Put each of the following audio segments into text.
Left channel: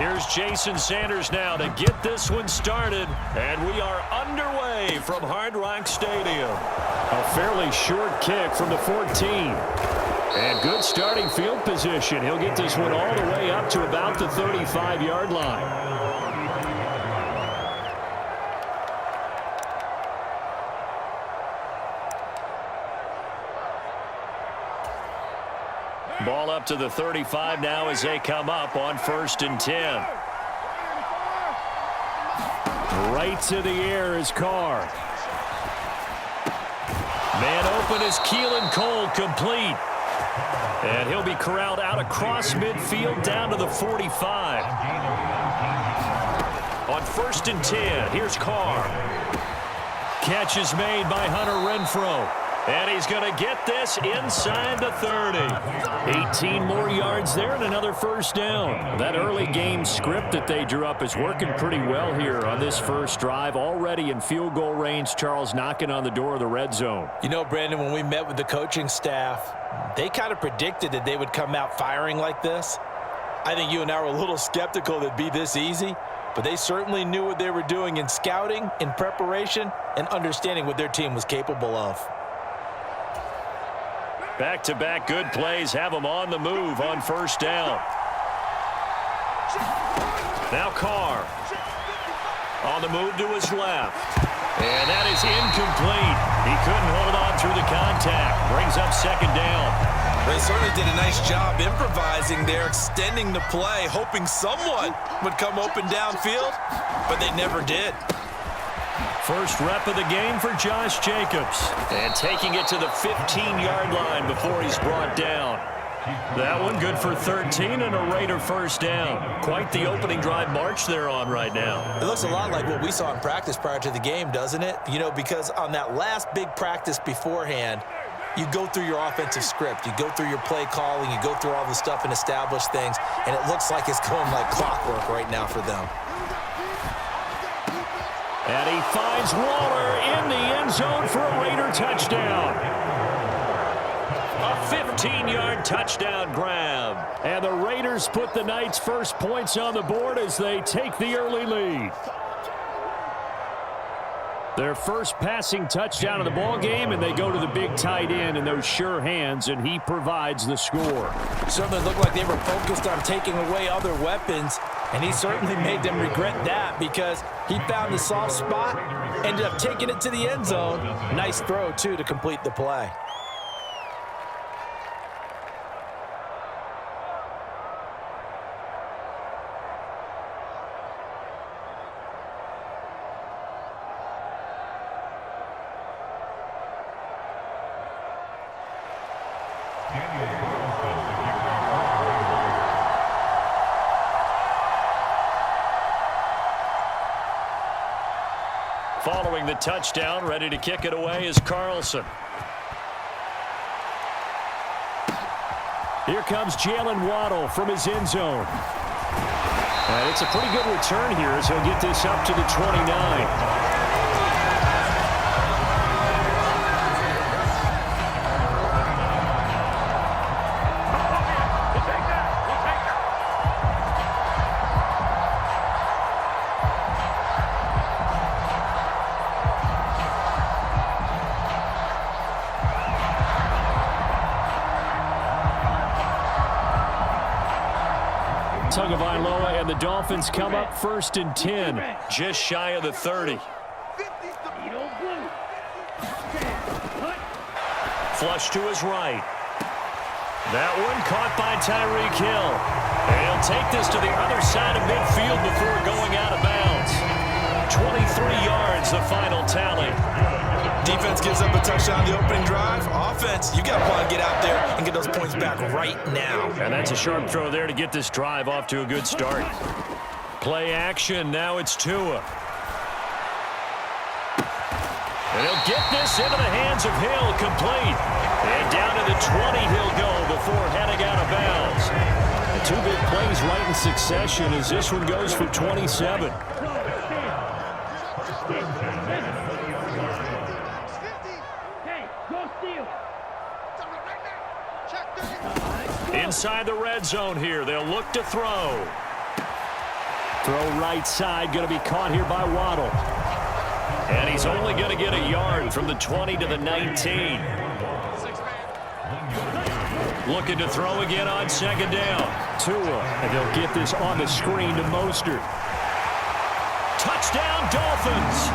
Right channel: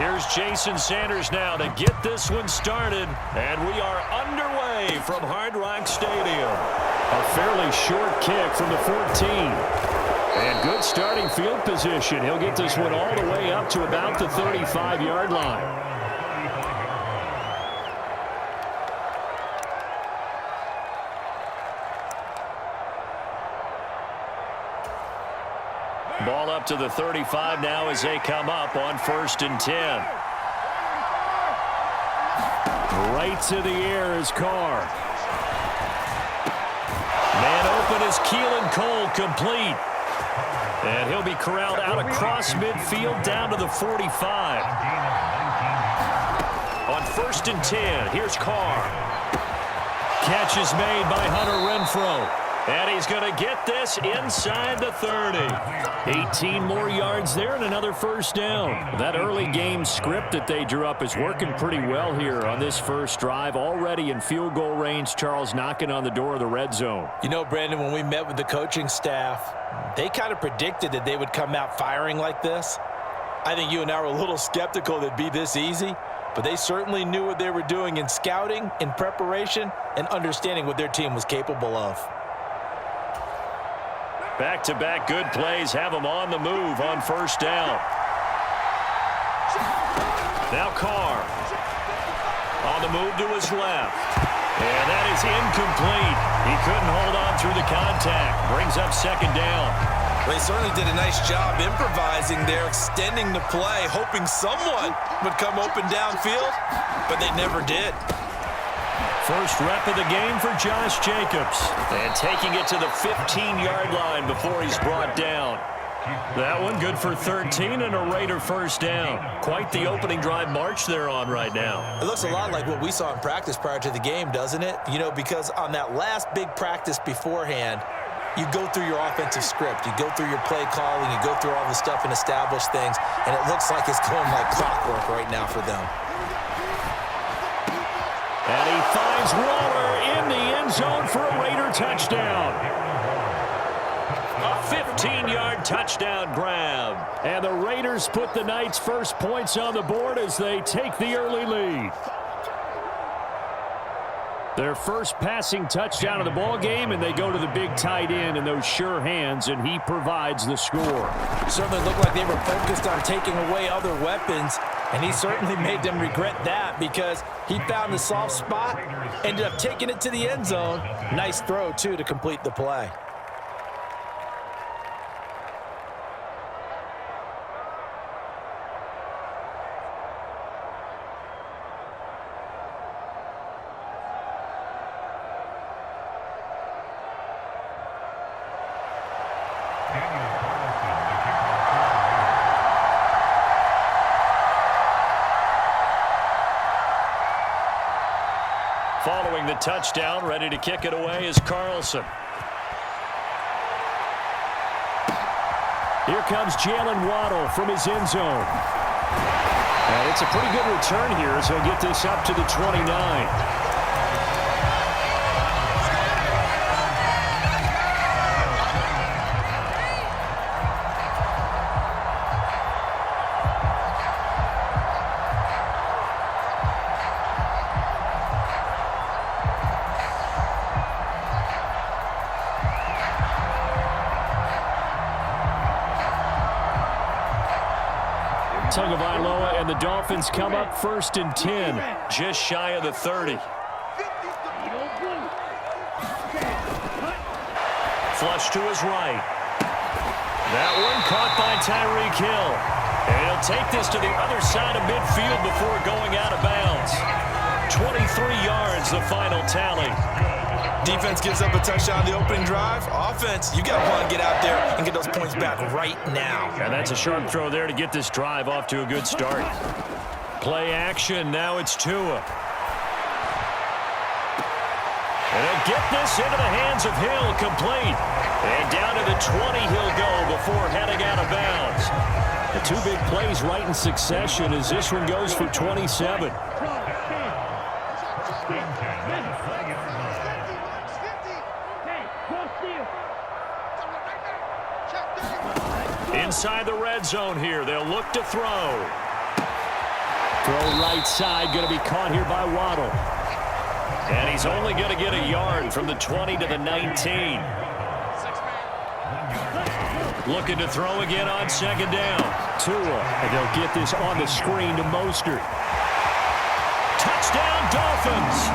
Here's Jason Sanders now to get this one started. And we are underway from Hard Rock Stadium. A fairly short kick from the 14. And good starting field position. He'll get this one all the way up to about the 35-yard line. Ball up to the 35 now as they come up on 1st and 10. Right to the air is Carr. Man open is Keelan Cole, complete. And he'll be corralled out across midfield down to the 45. On 1st and 10, here's Carr. Catch is made by Hunter Renfrow. And he's going to get this inside the 30. 18 more yards there and another first down. That early game script that they drew up is working pretty well here on this first drive. Already in field goal range, Charles, knocking on the door of the red zone. You know, Brandon, when we met with the coaching staff, they kind of predicted that they would come out firing like this. I think you and I were a little skeptical that it'd be this easy, but they certainly knew what they were doing in scouting, in preparation, and understanding what their team was capable of. Back-to-back good plays have them on the move on first down. Now Carr on the move to his left. And that is incomplete. He couldn't hold on through the contact. Brings up second down. They certainly did a nice job improvising there, extending the play, hoping someone would come open downfield, but they never did. First rep of the game for Josh Jacobs. And taking it to the 15-yard line before he's brought down. That one good for 13 and a Raider first down. Quite the opening drive march they're on right now. It looks a lot like what we saw in practice prior to the game, doesn't it? You know, because on that last big practice beforehand, you go through your offensive script. You go through your play calling. You go through all the stuff and establish things. And it looks like it's going like clockwork right now for them. And he finds Waller in the end zone for a Raider touchdown. A 15-yard touchdown grab. And the Raiders put the night's first points on the board as they take the early lead. Their first passing touchdown of the ball game, and they go to the big tight end in those sure hands, and he provides the score. Certainly looked like they were focused on taking away other weapons, and he certainly made them regret that because he found the soft spot, ended up taking it to the end zone. Nice throw, too, to complete the play. Following the touchdown, ready to kick it away is Carlson. Here comes Jalen Waddle from his end zone. And it's a pretty good return here as he'll get this up to the 29. Tagovailoa and the Dolphins come up 1st and 10, just shy of the 30. Flush to his right. That one caught by Tyreek Hill. And he'll take this to the other side of midfield before going out of bounds. 23 yards, the final tally. Defense gives up a touchdown on the opening drive. Offense, you got to want to get out there and get those points back right now. And that's a sharp throw there to get this drive off to a good start. Play action. Now it's Tua. And he'll get this into the hands of Hill, complete. And down to the 20 he'll go before heading out of bounds. The two big plays right in succession as this one goes for 27. Inside the red zone here. They'll look to throw. Throw right side, going to be caught here by Waddle. And he's only going to get a yard from the 20 to the 19. Looking to throw again on second down. Tua, and they'll get this on the screen to Mostert. Touchdown, Dolphins!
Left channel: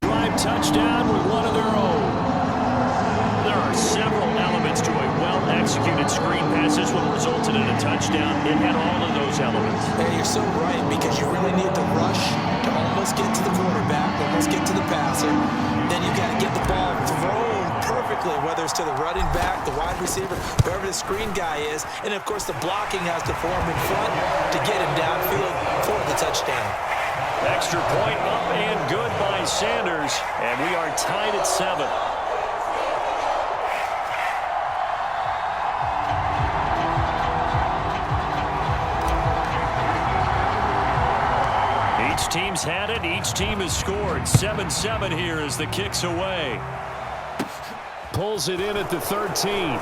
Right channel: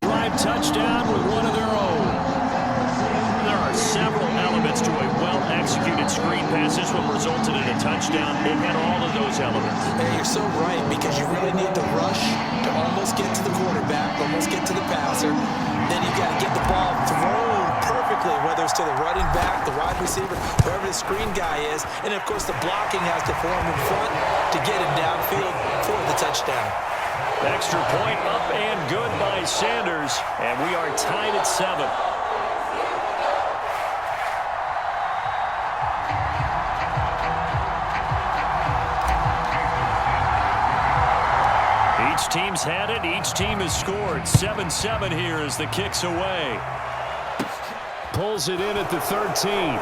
Drive touchdown with one of their own. There are several elements to a well-executed screen pass. This one resulted in a touchdown. It had all of those elements. Hey, you're so right, because you really need to rush to almost get to the quarterback, almost get to the passer. Then you got to get the ball thrown perfectly, whether it's to the running back, the wide receiver, whoever the screen guy is. And, of course, the blocking has to form in front to get him downfield for the touchdown. Extra point up and good by Sanders. And we are tied at 7. Each team's had it. Each team has scored. 7-7 here as the kick's away. Pulls it in at the 13.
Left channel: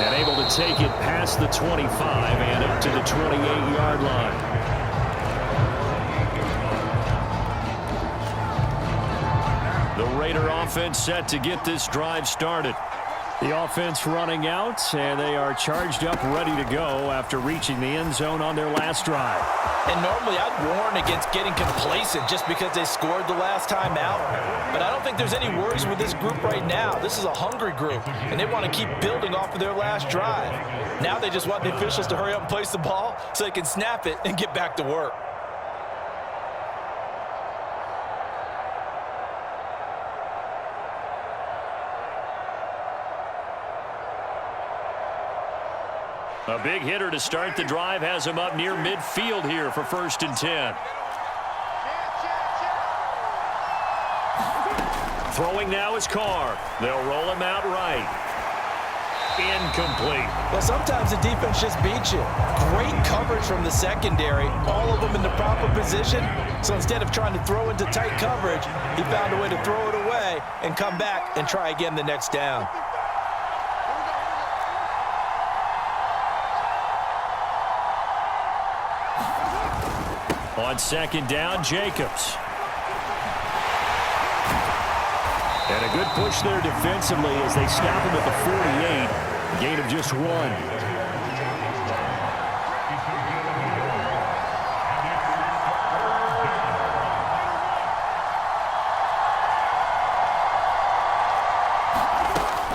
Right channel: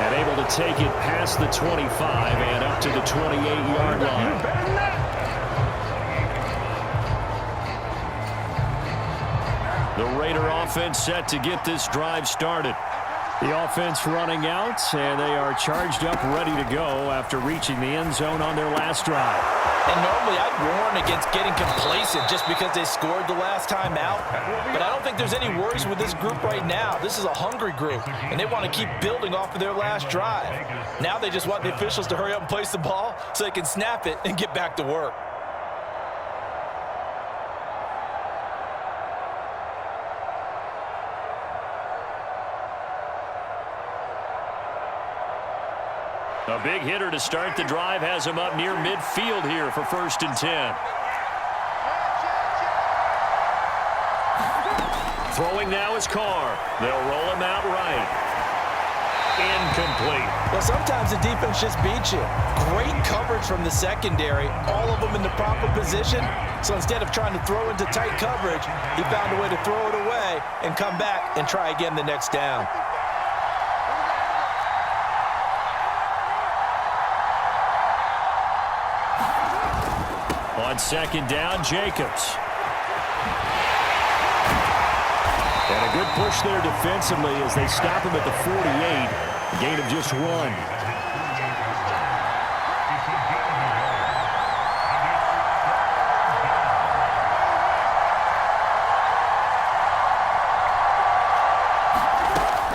And able to take it past the 25 and up to the 28-yard line. The Raider offense set to get this drive started. The offense running out, and they are charged up, ready to go after reaching the end zone on their last drive. And normally I'd warn against getting complacent just because they scored the last time out. But I don't think there's any worries with this group right now. This is a hungry group, and they want to keep building off of their last drive. Now they just want the officials to hurry up and place the ball so they can snap it and get back to work. A big hitter to start the drive has him up near midfield here for 1st and 10. Throwing now is Carr. They'll roll him out right. Incomplete. Well, sometimes the defense just beats you. Great coverage from the secondary, all of them in the proper position. So instead of trying to throw into tight coverage, he found a way to throw it away and come back and try again the next down. On second down, Jacobs. And a good push there defensively as they stop him at the 48. A gain of just 1.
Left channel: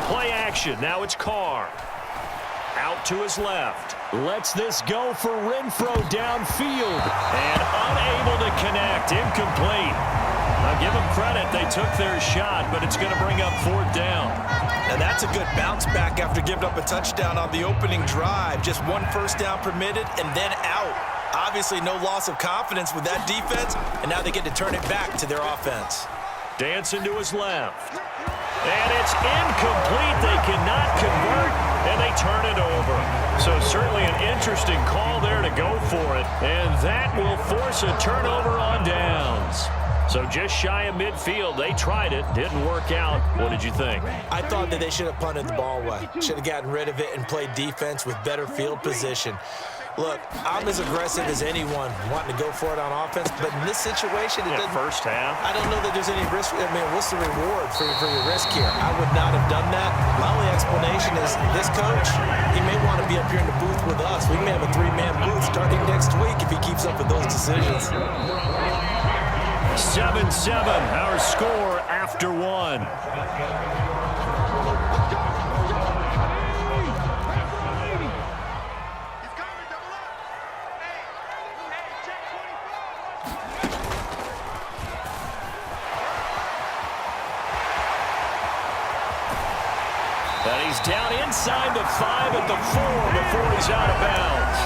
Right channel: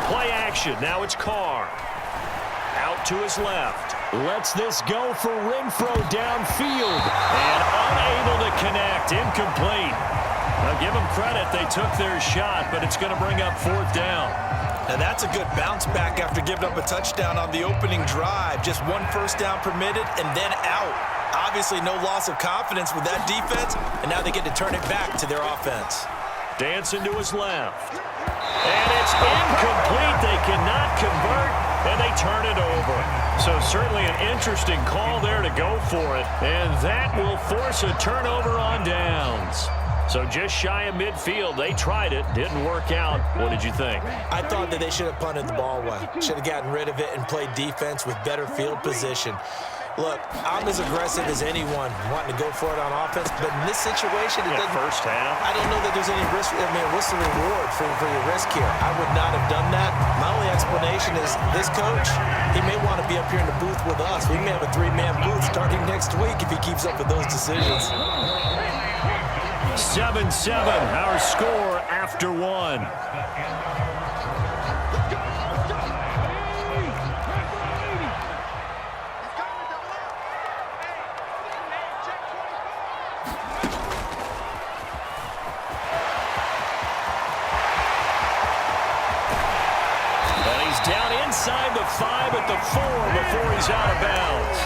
Play action. Now it's Carr. Out to his left. Lets this go for Renfro downfield. And unable to connect. Incomplete. Now give them credit. They took their shot, but it's going to bring up 4th down. Now that's a good bounce back after giving up a touchdown on the opening drive. Just 1 first down permitted and then out. Obviously no loss of confidence with that defense, and now they get to turn it back to their offense. Dancing to his left. And it's incomplete. They cannot convert, and they turn it over. So certainly an interesting call there to go for it. And that will force a turnover on downs. So just shy of midfield. They tried it. Didn't work out. What did you think? I thought that they should have punted the ball away. Should have gotten rid of it and played defense with better field position. Look, I'm as aggressive as anyone wanting to go for it on offense, but in this situation, it doesn't. First half. I don't know that there's any risk. I mean, what's the reward for your risk here? I would not have done that. My only explanation is this coach, he may want to be up here in the booth with us. We may have a 3-man booth starting next week if he keeps up with those decisions. 7-7, our score after 1. And he's down inside the 5 at the 4 before he's out of bounds.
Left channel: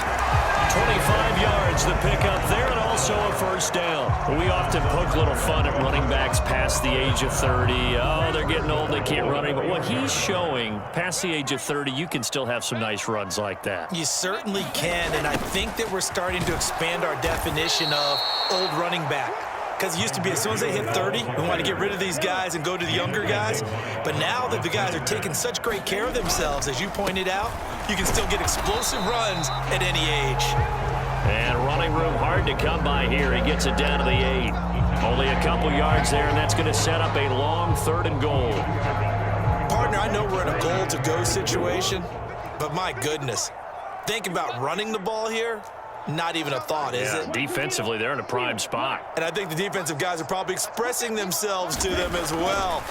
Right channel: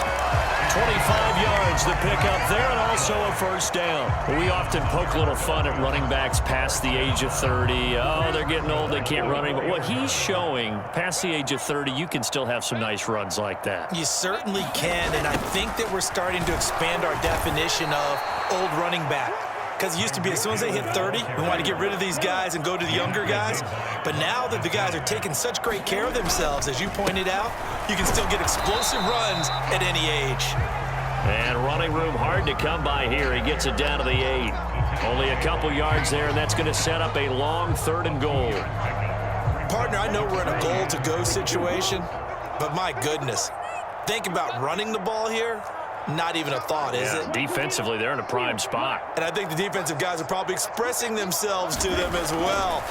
25 yards the pickup there, and also a first down. We often poke a little fun at running backs past the age of 30. Oh, they're getting old, they can't run anymore. What he's showing, past the age of 30, you can still have some nice runs like that. You certainly can, and I think that we're starting to expand our definition of old running back. Because it used to be as soon as they hit 30, we want to get rid of these guys and go to the younger guys. But now that the guys are taking such great care of themselves, as you pointed out, you can still get explosive runs at any age. And running room hard to come by here. He gets it down to the 8. Only a couple yards there, and that's going to set up a long 3rd and goal. Partner, I know we're in a goal-to-go situation, but my goodness, think about running the ball here. Not even a thought, is it? Defensively, they're in a prime spot. And I think the defensive guys are probably expressing themselves to them as well.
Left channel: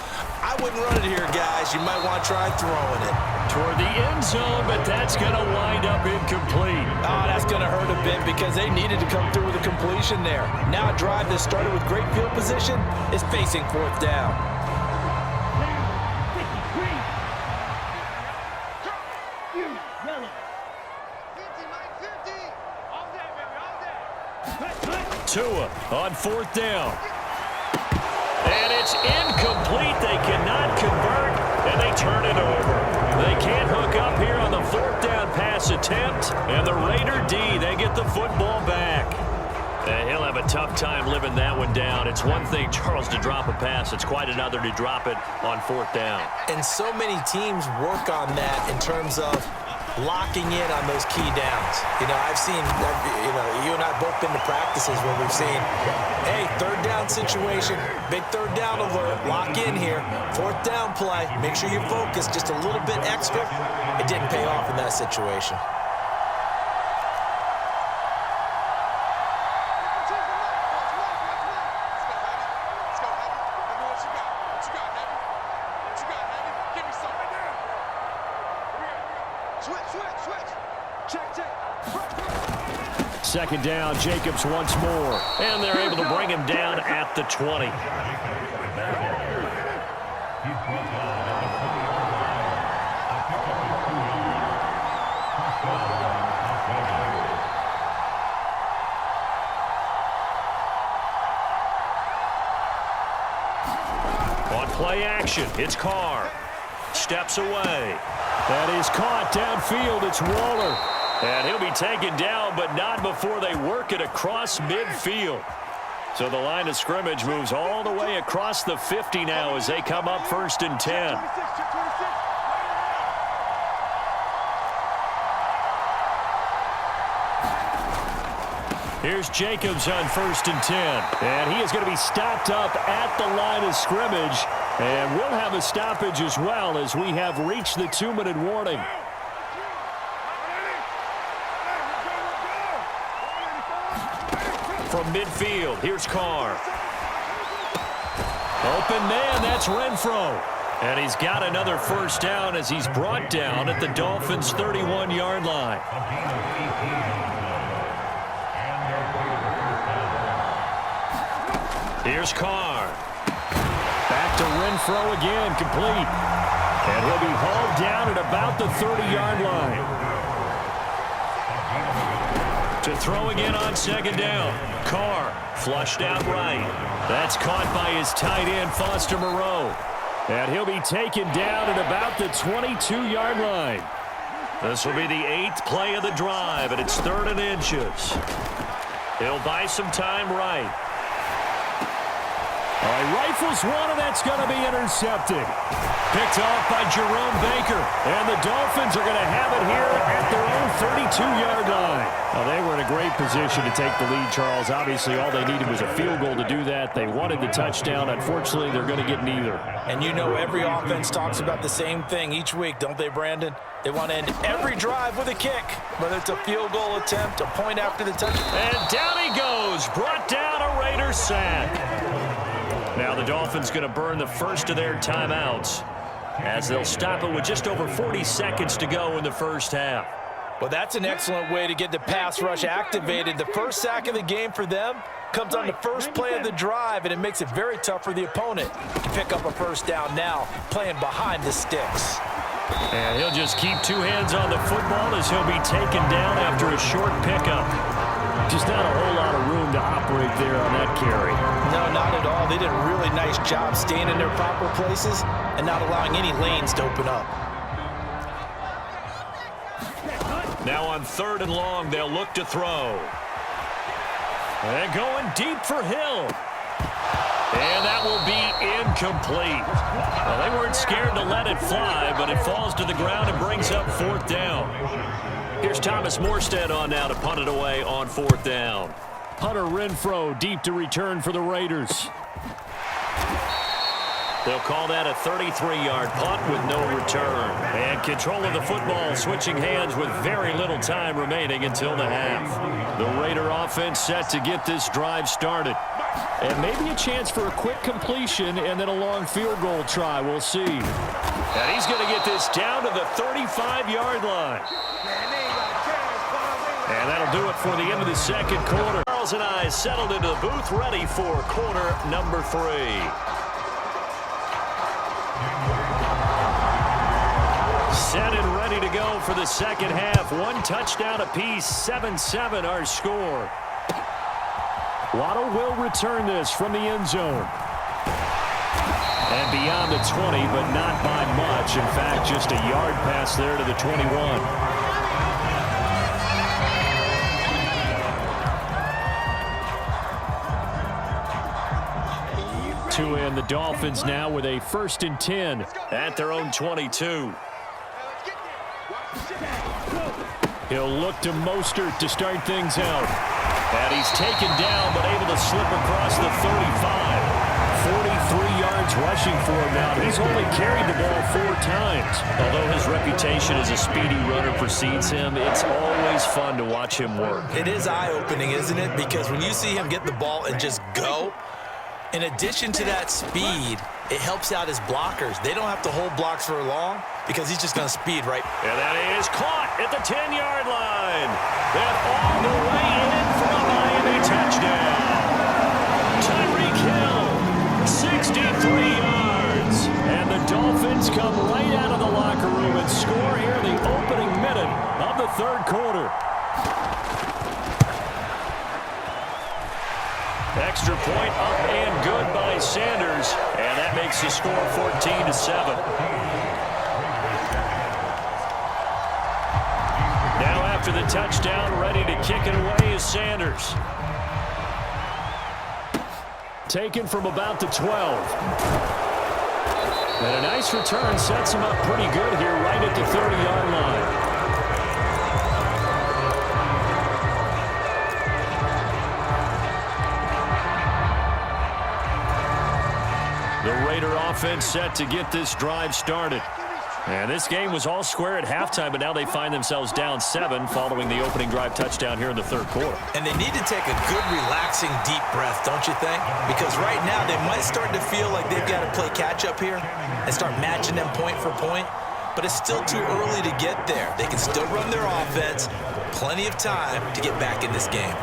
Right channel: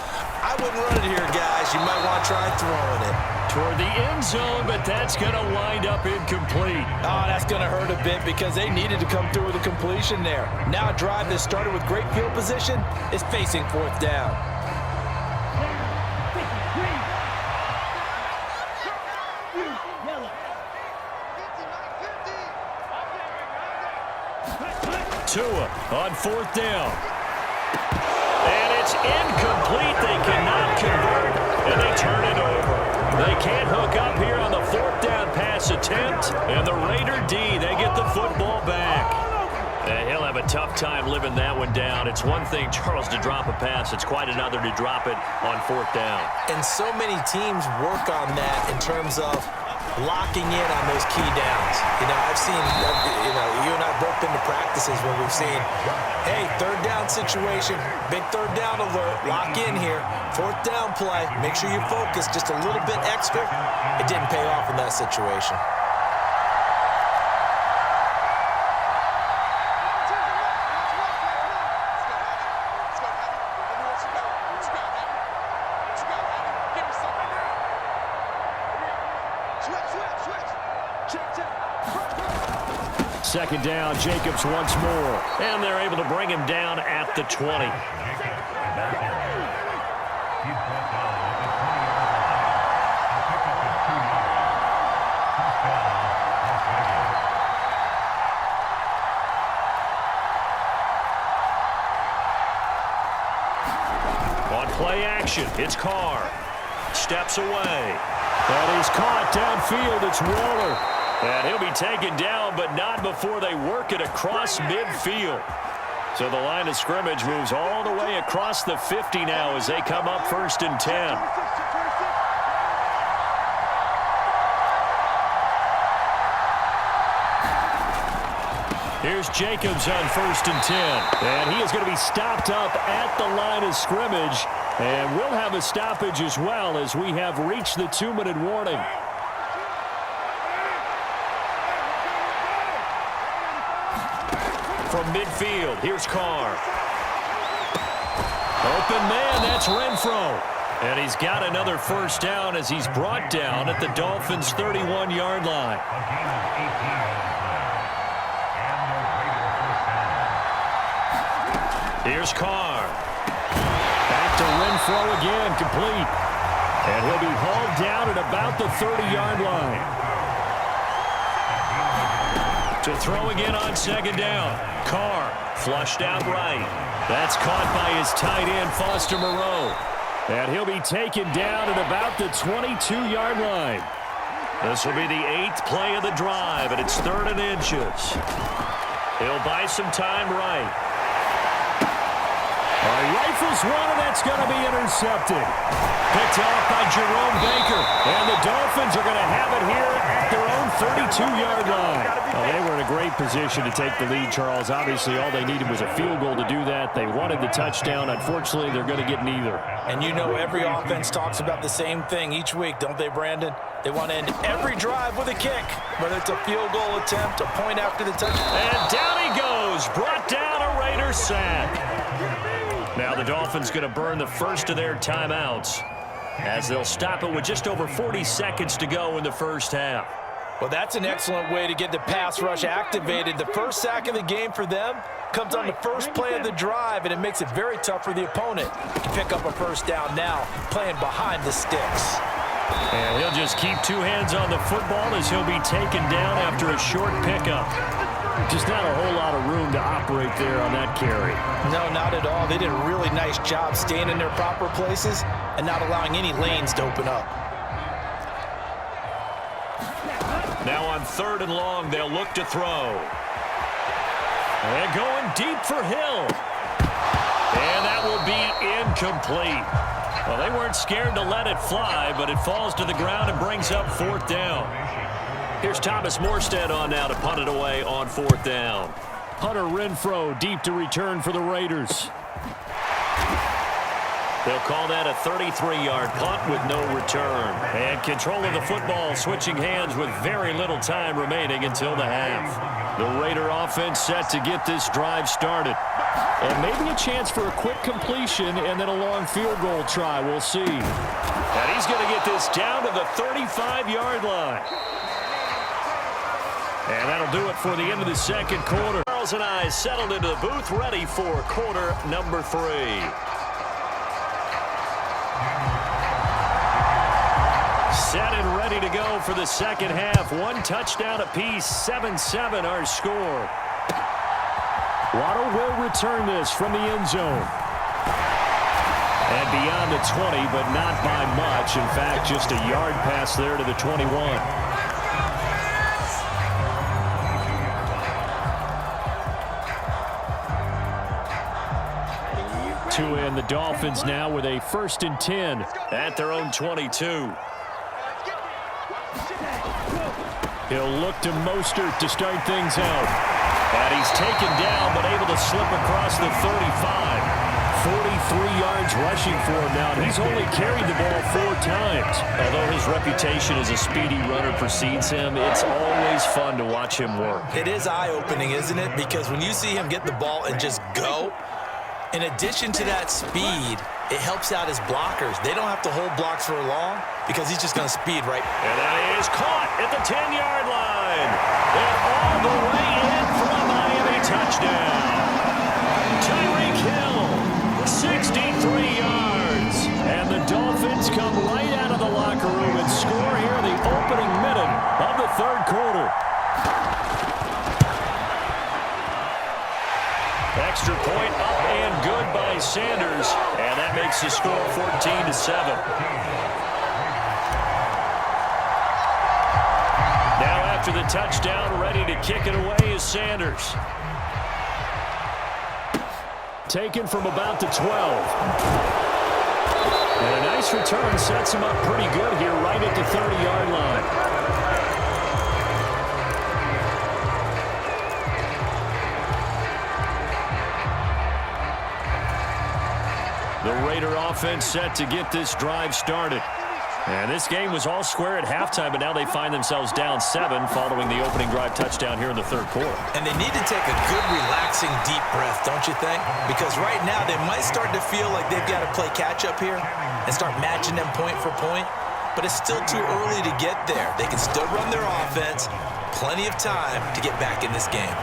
I wouldn't run it here, guys. You might want to try throwing it. Toward the end zone, but that's going to wind up incomplete. Oh, that's going to hurt a bit because they needed to come through with a completion there. Now a drive that started with great field position is facing 4th down. Tua on 4th down. And it's incomplete. They cannot convert, and they turn it over. They can't hook up here on the 4th down pass attempt, and the Raider D, they get the football back. And he'll have a tough time living that one down. It's one thing, Charles, to drop a pass. It's quite another to drop it on 4th down. And so many teams work on that in terms of locking in on those key downs. You know, I've seen, you and I have both been to practices where we've seen, hey, 3rd down situation, big 3rd down alert, lock in here, 4th down play, make sure you focus just a little bit extra. It didn't pay off in that situation. Second down, Jacobs once more. And they're able to bring him down at the 20. On play action, it's Carr. Steps away. That is caught downfield. It's Waller. And he'll be taken down, but not before they work it across midfield. So the line of scrimmage moves all the way across the 50 now as they come up 1st and 10. Here's Jacobs on 1st and 10. And he is going to be stopped up at the line of scrimmage. And we'll have a stoppage as well as we have reached the 2-minute warning. From midfield, here's Carr. Open man, that's Renfro. And he's got another 1st down as he's brought down at the Dolphins' 31-yard line. Here's Carr. Back to Renfro again, complete. And he'll be hauled down at about the 30-yard line. To throw again on 2nd down. Carr flushed out right. That's caught by his tight end, Foster Moreau. And he'll be taken down at about the 22-yard line. This will be the 8th play of the drive, and it's 3rd and inches. He'll buy some time right. All right, rifles one, and that's going to be intercepted. Picked off by Jerome Baker. And the Dolphins are going to have it here at their own 32-yard line. Well, they were in a great position to take the lead, Charles. Obviously, all they needed was a field goal to do that. They wanted the touchdown. Unfortunately, they're going to get neither. And you know every offense talks about the same thing each week, don't they, Brandon? They want to end every drive with a kick, whether it's a field goal attempt, a point after the touchdown. And down he goes. Brought down a Raider sack. Now the Dolphins going to burn the first of their timeouts as they'll stop it with just over 40 seconds to go in the first half. Well, that's an excellent way to get the pass rush activated. The first sack of the game for them comes on the first play of the drive, and it makes it very tough for the opponent to pick up a 1st down now, playing behind the sticks. And he'll just keep 2 hands on the football as he'll be taken down after a short pickup. Just not a whole lot of room to operate there on that carry. No, not at all. They did a really nice job staying in their proper places and not allowing any lanes to open up. Now on 3rd and long, they'll look to throw. And going deep for Hill. And that will be incomplete. Well, they weren't scared to let it fly, but it falls to the ground and brings up 4th down. Here's Thomas Morstead on now to punt it away on 4th down. Hunter Renfrow deep to return for the Raiders. They'll call that a 33-yard punt with no return. And control of the football switching hands with very little time remaining until the half. The Raider offense set to get this drive started. And maybe a chance for a quick completion and then a long field goal try. We'll see. And he's going to get this down to the 35-yard line. And that'll do it for the end of the second quarter. Charles and I settled into the booth ready for quarter number 3. Set and ready to go for the second half. 1 touchdown apiece, 7-7 our score. Waddle will return this from the end zone. And beyond the 20, but not by much. In fact, just a yard pass there to the 21. Two in, the Dolphins now with a 1st and 10 at their own 22. He'll look to Mostert to start things out. And he's taken down, but able to slip across the 35. 43 yards rushing for him now. He's only carried the ball 4 times. Although his reputation as a speedy runner precedes him, it's always fun to watch him work. It is eye-opening, isn't it? Because when you see him get the ball and just go, in addition to that speed, it helps out his blockers. They don't have to hold blocks for long because he's just going to speed right. And that is caught at the 10-yard line. And all the way in for a Miami touchdown. Tyreek Hill, 63 yards. And the Dolphins come right out of the locker room and score here in the opening minute of the 3rd quarter. Extra point up and good by Sanders. And that makes the score 14-7. Now after the touchdown, ready to kick it away is Sanders. Taken from about the 12. And a nice return sets him up pretty good here right at the 30-yard line. The Raider offense set to get this drive started. And this game was all square at halftime, but now they find themselves down 7 following the opening drive touchdown here in the 3rd quarter. And they need to take a good, relaxing, deep breath, don't you think? Because right now they might start to feel like they've got to play catch-up here and start matching them point for point. But it's still too early to get there. They can still run their offense. Plenty of time to get back in this game.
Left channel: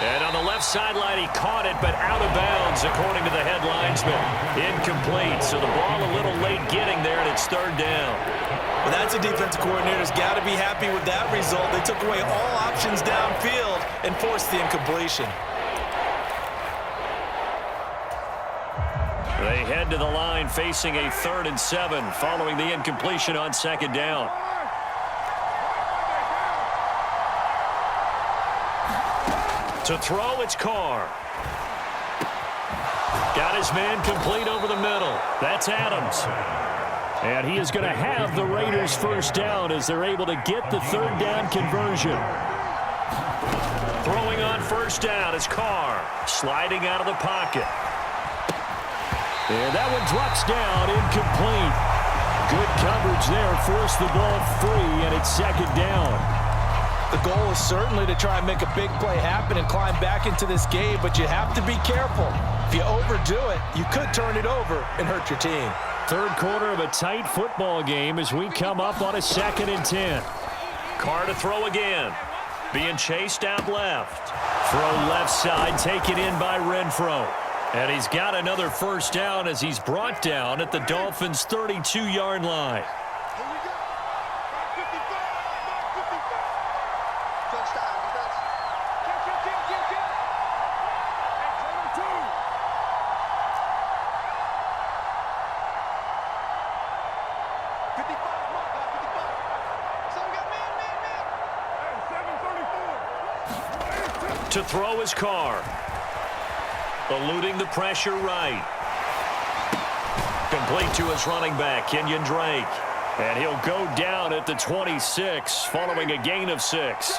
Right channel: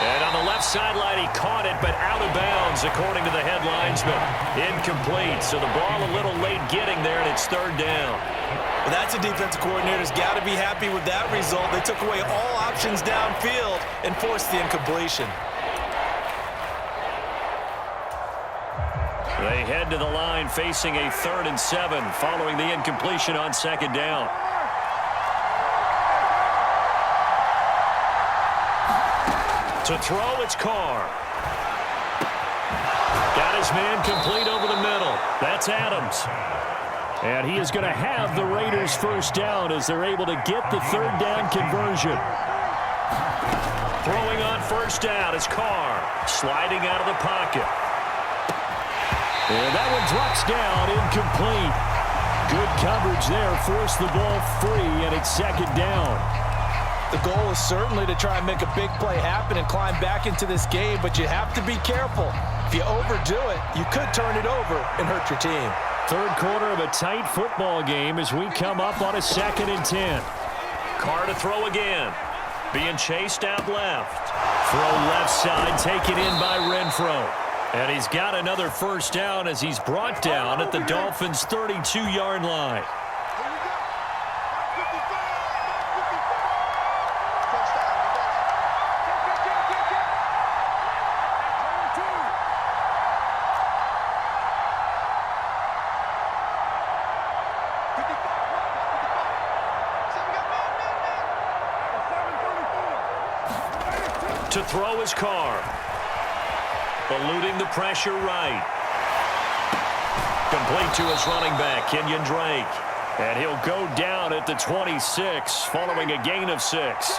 And on the left sideline, he caught it, but out of bounds, according to the head linesman. Incomplete, so the ball a little late getting there, and it's 3rd down. Well, that's a defensive coordinator's got to be happy with that result. They took away all options downfield and forced the incompletion. They head to the line facing a 3rd and 7 following the incompletion on 2nd down. To throw, it's Carr. Got his man complete over the middle. That's Adams. And he is going to have the Raiders' 1st down as they're able to get the 3rd down conversion. Throwing on 1st down is Carr. Sliding out of the pocket. And that one drops down, incomplete. Good coverage there, forced the ball free, and it's 2nd down. The goal is certainly to try and make a big play happen and climb back into this game, but you have to be careful. If you overdo it, you could turn it over and hurt your team. 3rd quarter of a tight football game as we come up on a 2nd and 10. Carr to throw again. Being chased out left. Throw left side, taken in by Renfrow. And he's got another 1st down as he's brought down at the Dolphins' 32-yard line. To throw his Carr. Eluding the pressure right. Complete to his running back, Kenyon Drake. And he'll go down at the 26 following a gain of 6.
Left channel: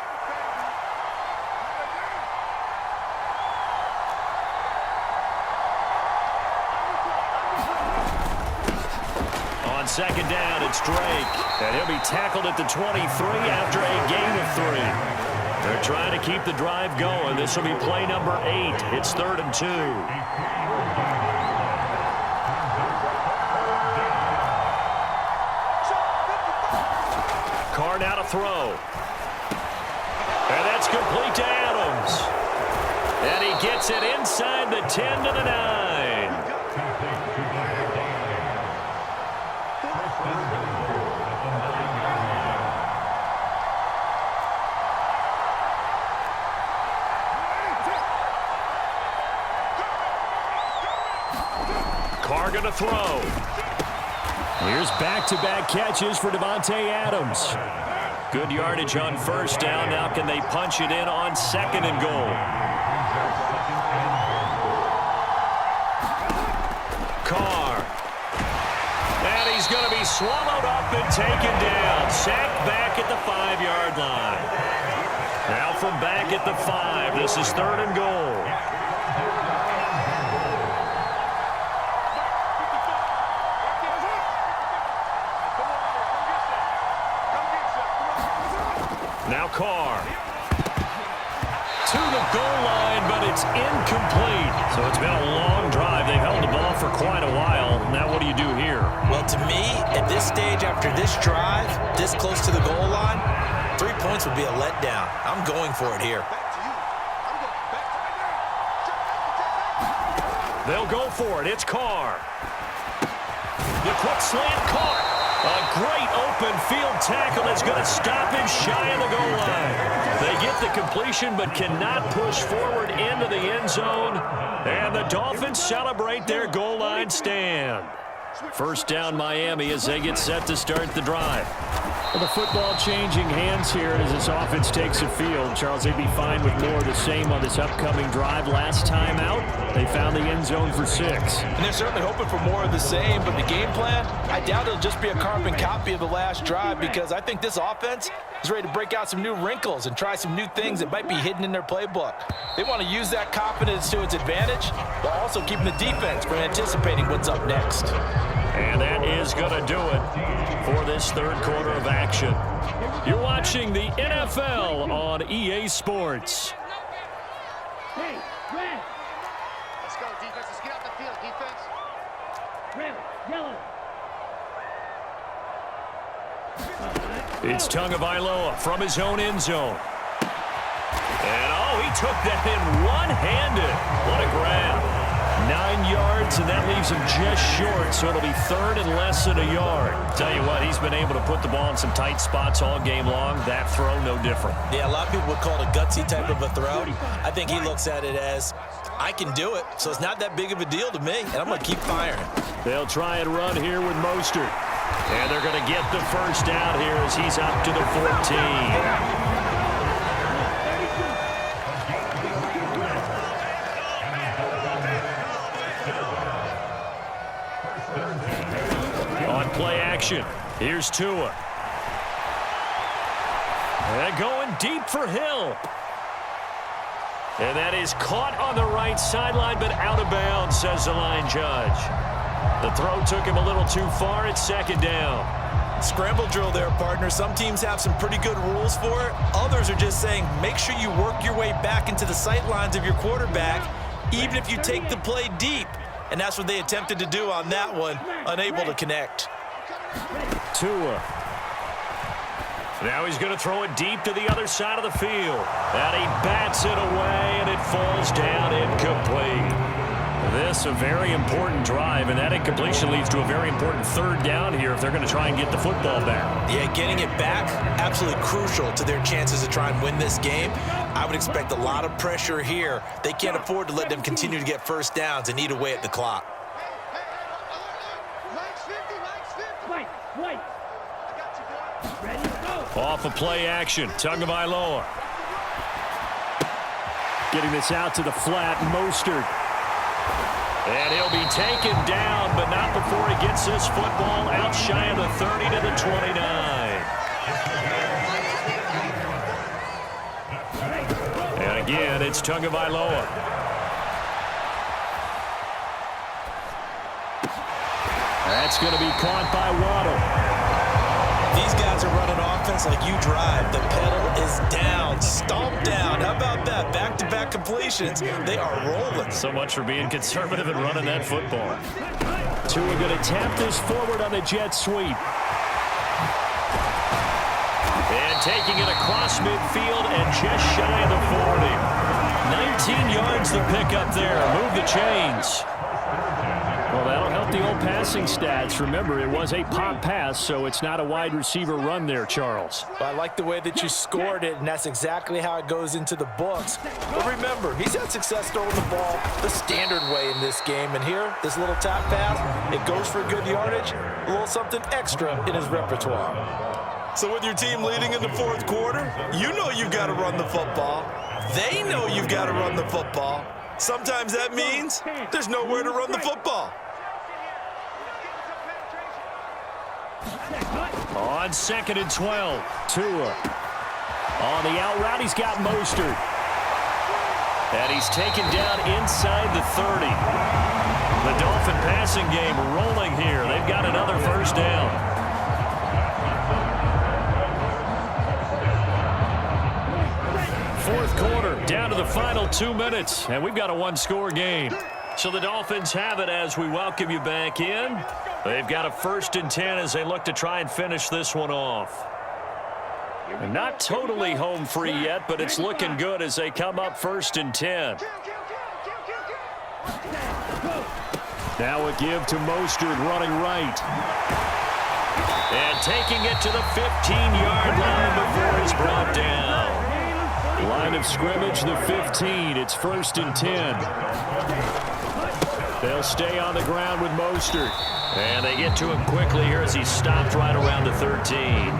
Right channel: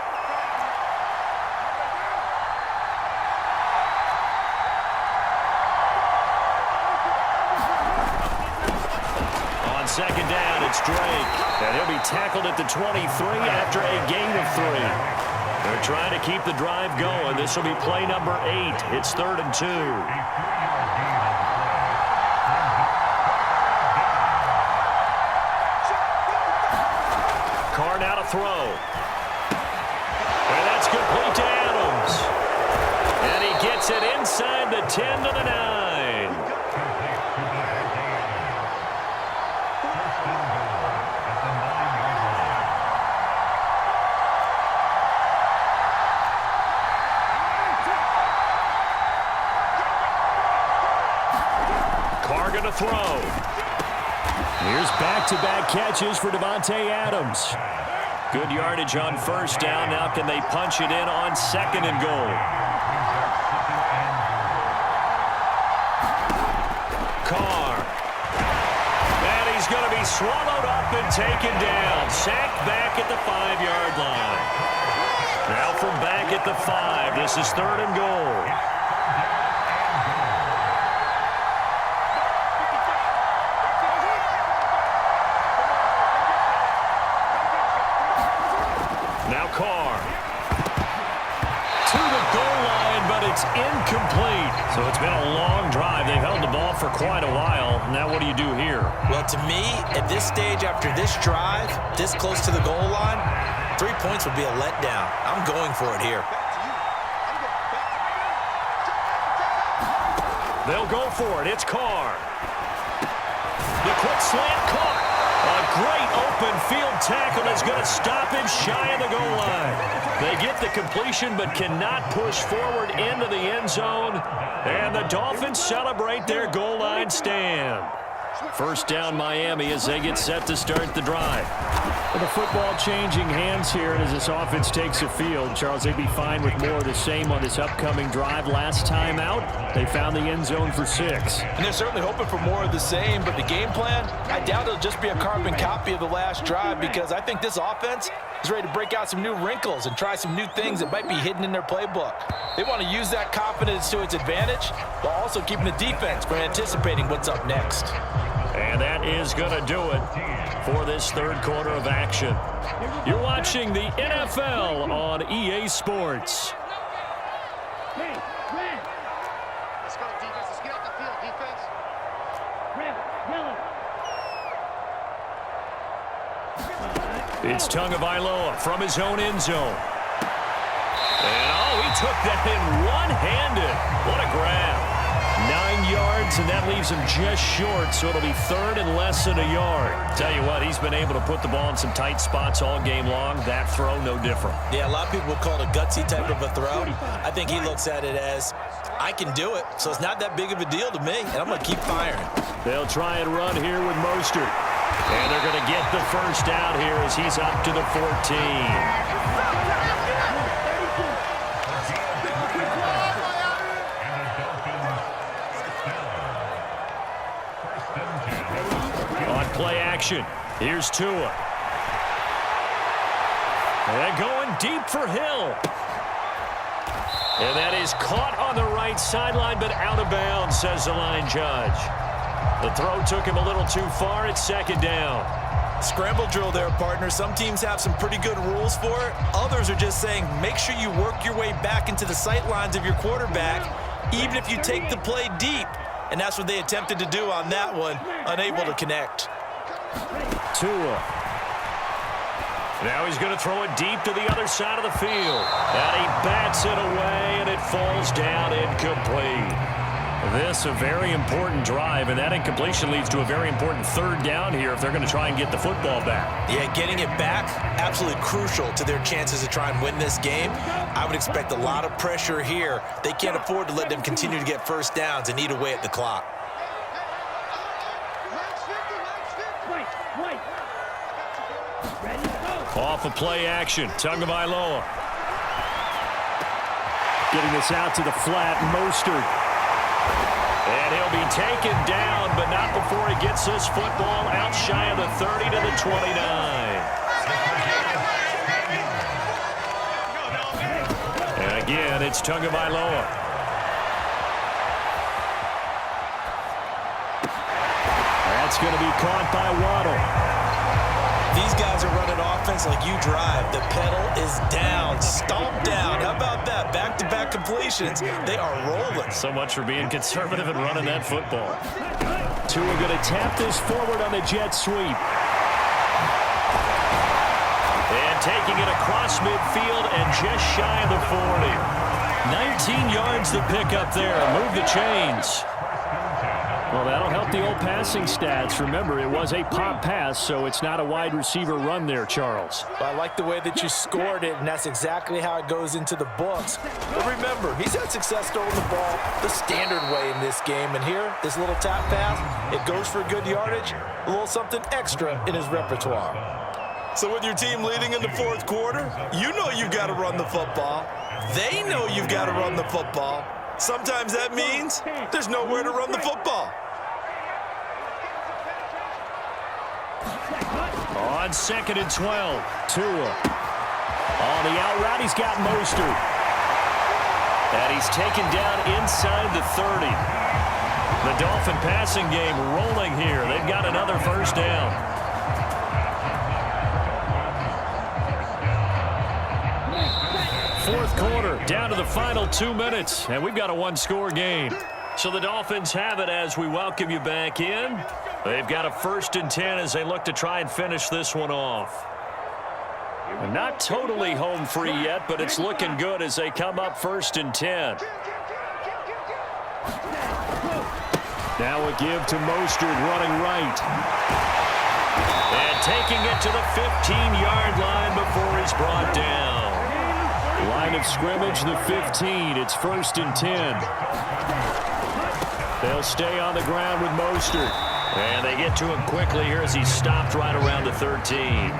On second down, it's Drake. And he'll be tackled at the 23 after a gain of 3. They're trying to keep the drive going. This will be play number 8. It's 3rd and 2. Carr now to throw. And that's complete to Adams. And he gets it inside the 10 to the 9. Carr going to throw. Here's back-to-back catches for Davante Adams. Good yardage on first down. Now can they punch it in on 2nd and goal? Carr. And he's going to be swallowed up and taken down. Sacked back at the 5-yard line. Now from back at the 5, this is 3rd and goal. Now Carr to the goal line, but it's incomplete. So it's been a long drive. They've held the ball for quite a while. Now what do you do here? Well, to me, at this stage, after this drive, this close to the goal line, 3 points would be a letdown. I'm going for it here. They'll go for it. It's Carr. The quick slant caught. A great open field tackle is going to stop him shy of the goal line. They get the completion but cannot push forward into the end zone. And the Dolphins celebrate their goal line stand. First down Miami as they get set to start the drive. Well, the football changing hands here as this offense takes the field. Charles, they'd be fine with more of the same on this upcoming drive. Last time out, they found the end zone for 6. And they're certainly hoping for more of the same, but the game plan, I doubt it'll just be a carbon copy of the last drive because I think this offense is ready to break out some new wrinkles and try some new things that might be hidden in their playbook. They want to use that confidence to its advantage while also keeping the defense from anticipating what's up next. And that is going to do it for this 3rd quarter of action. You're watching the NFL on EA Sports. Hey, red. Let's go, defense. Let's get off the field, defense. Red, yellow. It's Tagovailoa from his own end zone. And, oh, he took that in one-handed. What a grab. 9 yards, and that leaves him just short, so it'll be 3rd and less than a yard. Tell you what, he's been able to put the ball in some tight spots all game long. That throw, no different. Yeah, a lot of people would call it a gutsy type of a throw. I think he looks at it as, I can do it, so it's not that big of a deal to me, and I'm going to keep firing. They'll try and run here with Mostert. And they're going to get the first out here as he's up to the 14. On play action, here's Tua. And going deep for Hill. And that is caught on the right sideline, but out of bounds, says the line judge. The throw took him a little too far. It's 2nd down. Scramble drill there, partner. Some teams have some pretty good rules for it. Others are just saying, make sure you work your way back into the sight lines of your quarterback, even if you take the play deep. And that's what they attempted to do on that one, unable to connect. Tua. Now he's going to throw it deep to the other side of the field. And he bats it away, and it falls down incomplete. This a very important drive, and that incompletion leads to a very important 3rd down here if they're going to try and get the football back. Yeah, getting it back, absolutely crucial to their chances to try and win this game. I would expect a lot of pressure here. They can't afford to let them continue to get first downs and eat away at the clock. Wait. Ready to go. Off of play action, Tagovailoa. Getting this out to the flat, Mostert. And he'll be taken down, but not before he gets this football out shy of the 30 to the 29. And again, it's Tagovailoa. That's going to be caught by Waddle. These guys are running offense like you drive. The pedal is down, stomped down. How about that? Back-to-back completions. They are rolling. So much for being conservative and running that football. Tua going to tap this forward on the jet sweep. And taking it across midfield and just shy of the 40. 19 yards to pick up there. Move the chains. Well, that'll help the old passing stats. Remember, it was a pop pass, so it's not a wide receiver run there, Charles. Well, I like the way that you scored it, and that's exactly how it goes into the books. But remember, he's had success throwing the ball the standard way in this game. And here, this little tap pass, it goes for good yardage, a little something extra in his repertoire. So with your team leading in the fourth quarter, you know you've got to run the football. They know you've got to run the football. Sometimes that means there's nowhere to run the football. On 2nd and 12, Tua. On the out route, he's got Mostert. And he's taken down inside the 30. The Dolphin passing game rolling here. They've got another first down. Fourth quarter, down to the final 2 minutes, and we've got a one-score game. So the Dolphins have it as we welcome you back in. They've got a 1st and 10 as they look to try and finish this one off. And not totally home free yet, but it's looking good as they come up 1st and 10. Now a give to Mostert running right. And taking it to the 15-yard line before he's brought down. Line of scrimmage, the 15. It's 1st and 10. They'll stay on the ground with Mostert. And they get to him quickly here as he's stopped right around the 13.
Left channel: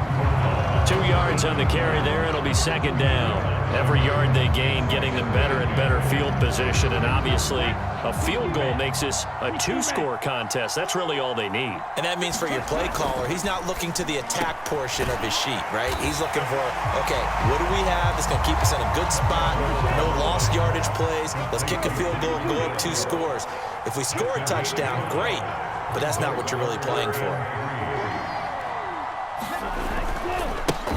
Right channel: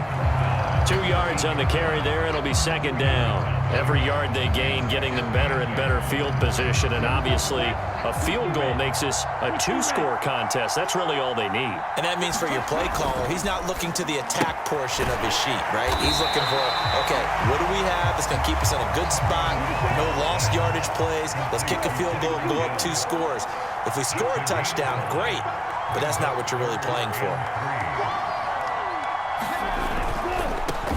2 yards on the carry there. It'll be 2nd down. Every yard they gain getting them better and better field position. And obviously a field goal makes this a 2-score contest. That's really all they need. And that means for your play caller, he's not looking to the attack portion of his sheet, right? He's looking for, okay, what do we have that's going to keep us in a good spot? No lost yardage plays. Let's kick a field goal and go up 2 scores. If we score a touchdown, great. But that's not what you're really playing for.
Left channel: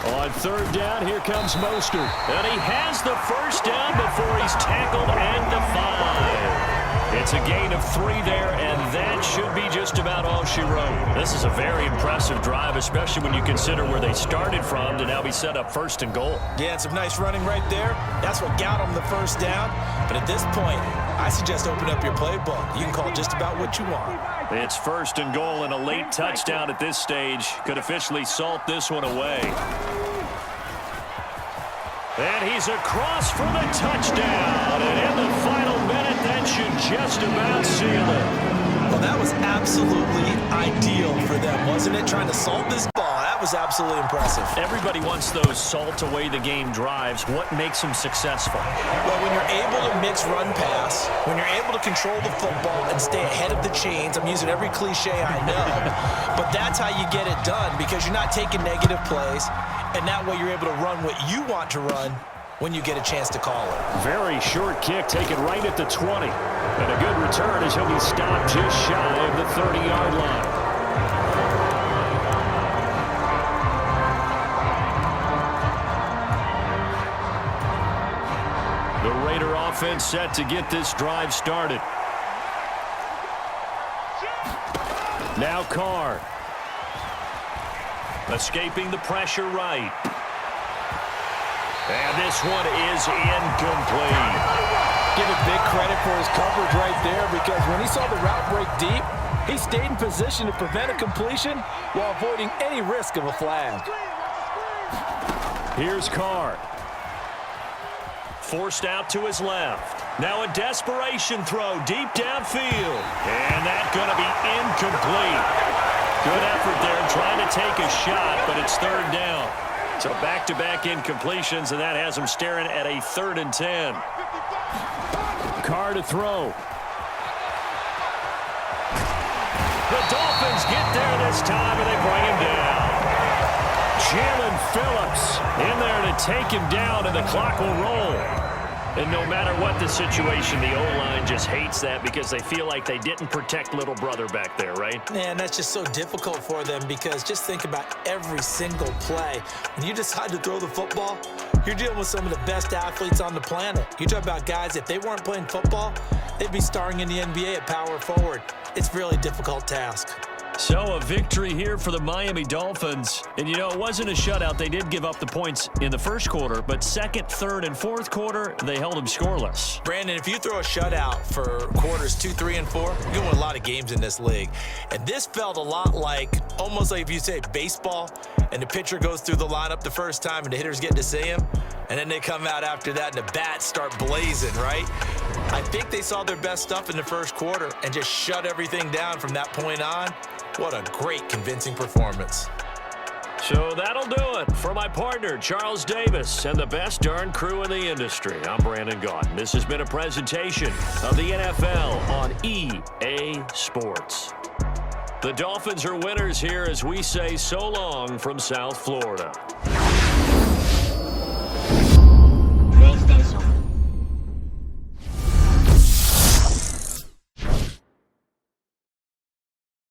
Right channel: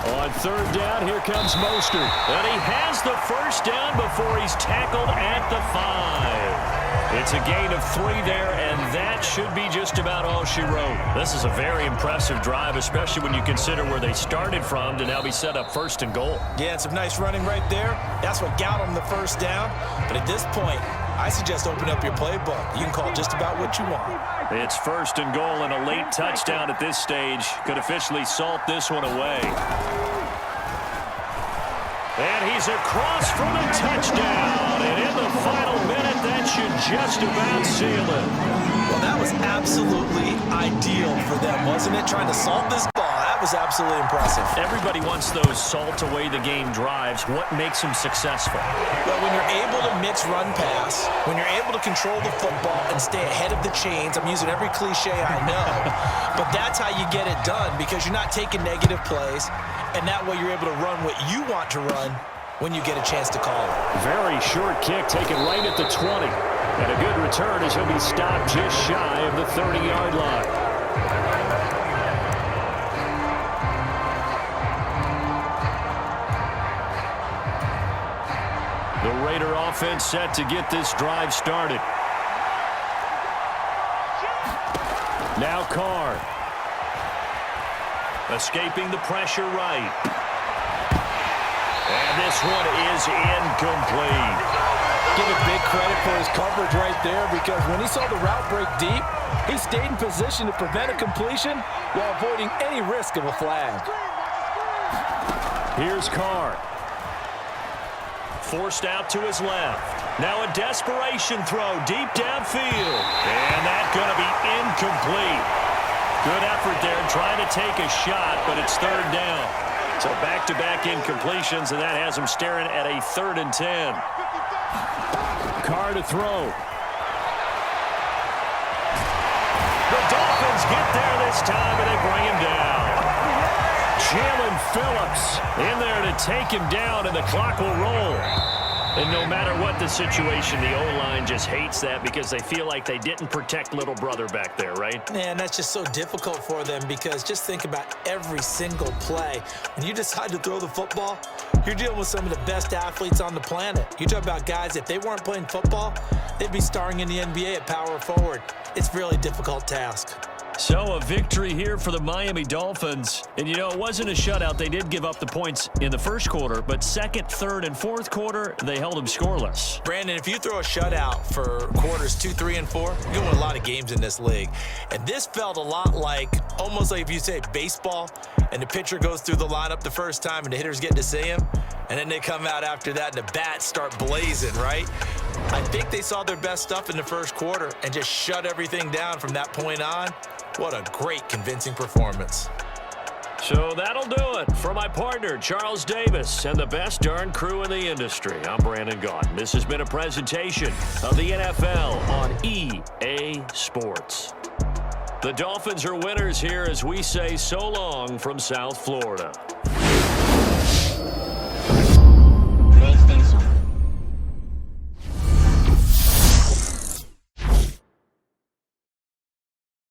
On 3rd down, here comes Mostert. And he has the first down before he's tackled at the 5. It's a gain of 3 there, and that should be just about all she wrote. This is a very impressive drive, especially when you consider where they started from to now be set up 1st and goal. Yeah, and some nice running right there. That's what got them the first down. But at this point, I suggest open up your playbook. You can call just about what you want. It's 1st and goal, and a late touchdown at this stage could officially salt this one away. And he's across for the touchdown. And in the final minute, that should just about seal it. Well, that was absolutely ideal for them, wasn't it? Trying to salt this ball. That was absolutely impressive. Everybody wants those salt-away-the-game drives. What makes them successful? Well, when you're able to mix run-pass, when you're able to control the football and stay ahead of the chains, I'm using every cliche I know, but that's how you get it done because you're not taking negative plays, and that way you're able to run what you want to run when you get a chance to call it. Very short kick taken right at the 20. And a good return as he'll be stopped just shy of the 30-yard line. The Raider offense set to get this drive started. Now Carr. Escaping the pressure right. And this one is incomplete. Give it big credit for his coverage right there because when he saw the route break deep, he stayed in position to prevent a completion while avoiding any risk of a flag. Here's Carr. Forced out to his left. Now a desperation throw deep downfield. And that's going to be incomplete. Good effort there trying to take a shot, but it's 3rd down. So back-to-back incompletions, and that has him staring at a 3rd and 10. Carr to throw. The Dolphins get there this time, and they bring him down. Jalen Phillips in there to take him down, and the clock will roll. And no matter what the situation, the O-line just hates that because they feel like they didn't protect little brother back there, right? Man, that's just so difficult for them because just think about every single play. When you decide to throw the football, you're dealing with some of the best athletes on the planet. You talk about guys, if they weren't playing football, they'd be starring in the NBA at power forward. It's a really difficult task. So a victory here for the Miami Dolphins. And, you know, it wasn't a shutout. They did give up the points in the first quarter, but second, third, and fourth quarter, they held them scoreless. Brandon, if you throw a shutout for quarters 2, 3, and 4, you're going to win a lot of games in this league. And this felt a lot like, almost like if you say baseball, and the pitcher goes through the lineup the first time, and the hitters get to see him, and then they come out after that, and the bats start blazing, right? I think they saw their best stuff in the first quarter and just shut everything down from that point on. What a great, convincing performance. So that'll do it for my partner, Charles Davis, and the best darn crew in the industry. I'm Brandon Gaudin. This has been a presentation of the NFL on EA Sports. The Dolphins are winners here as we say so long from South Florida.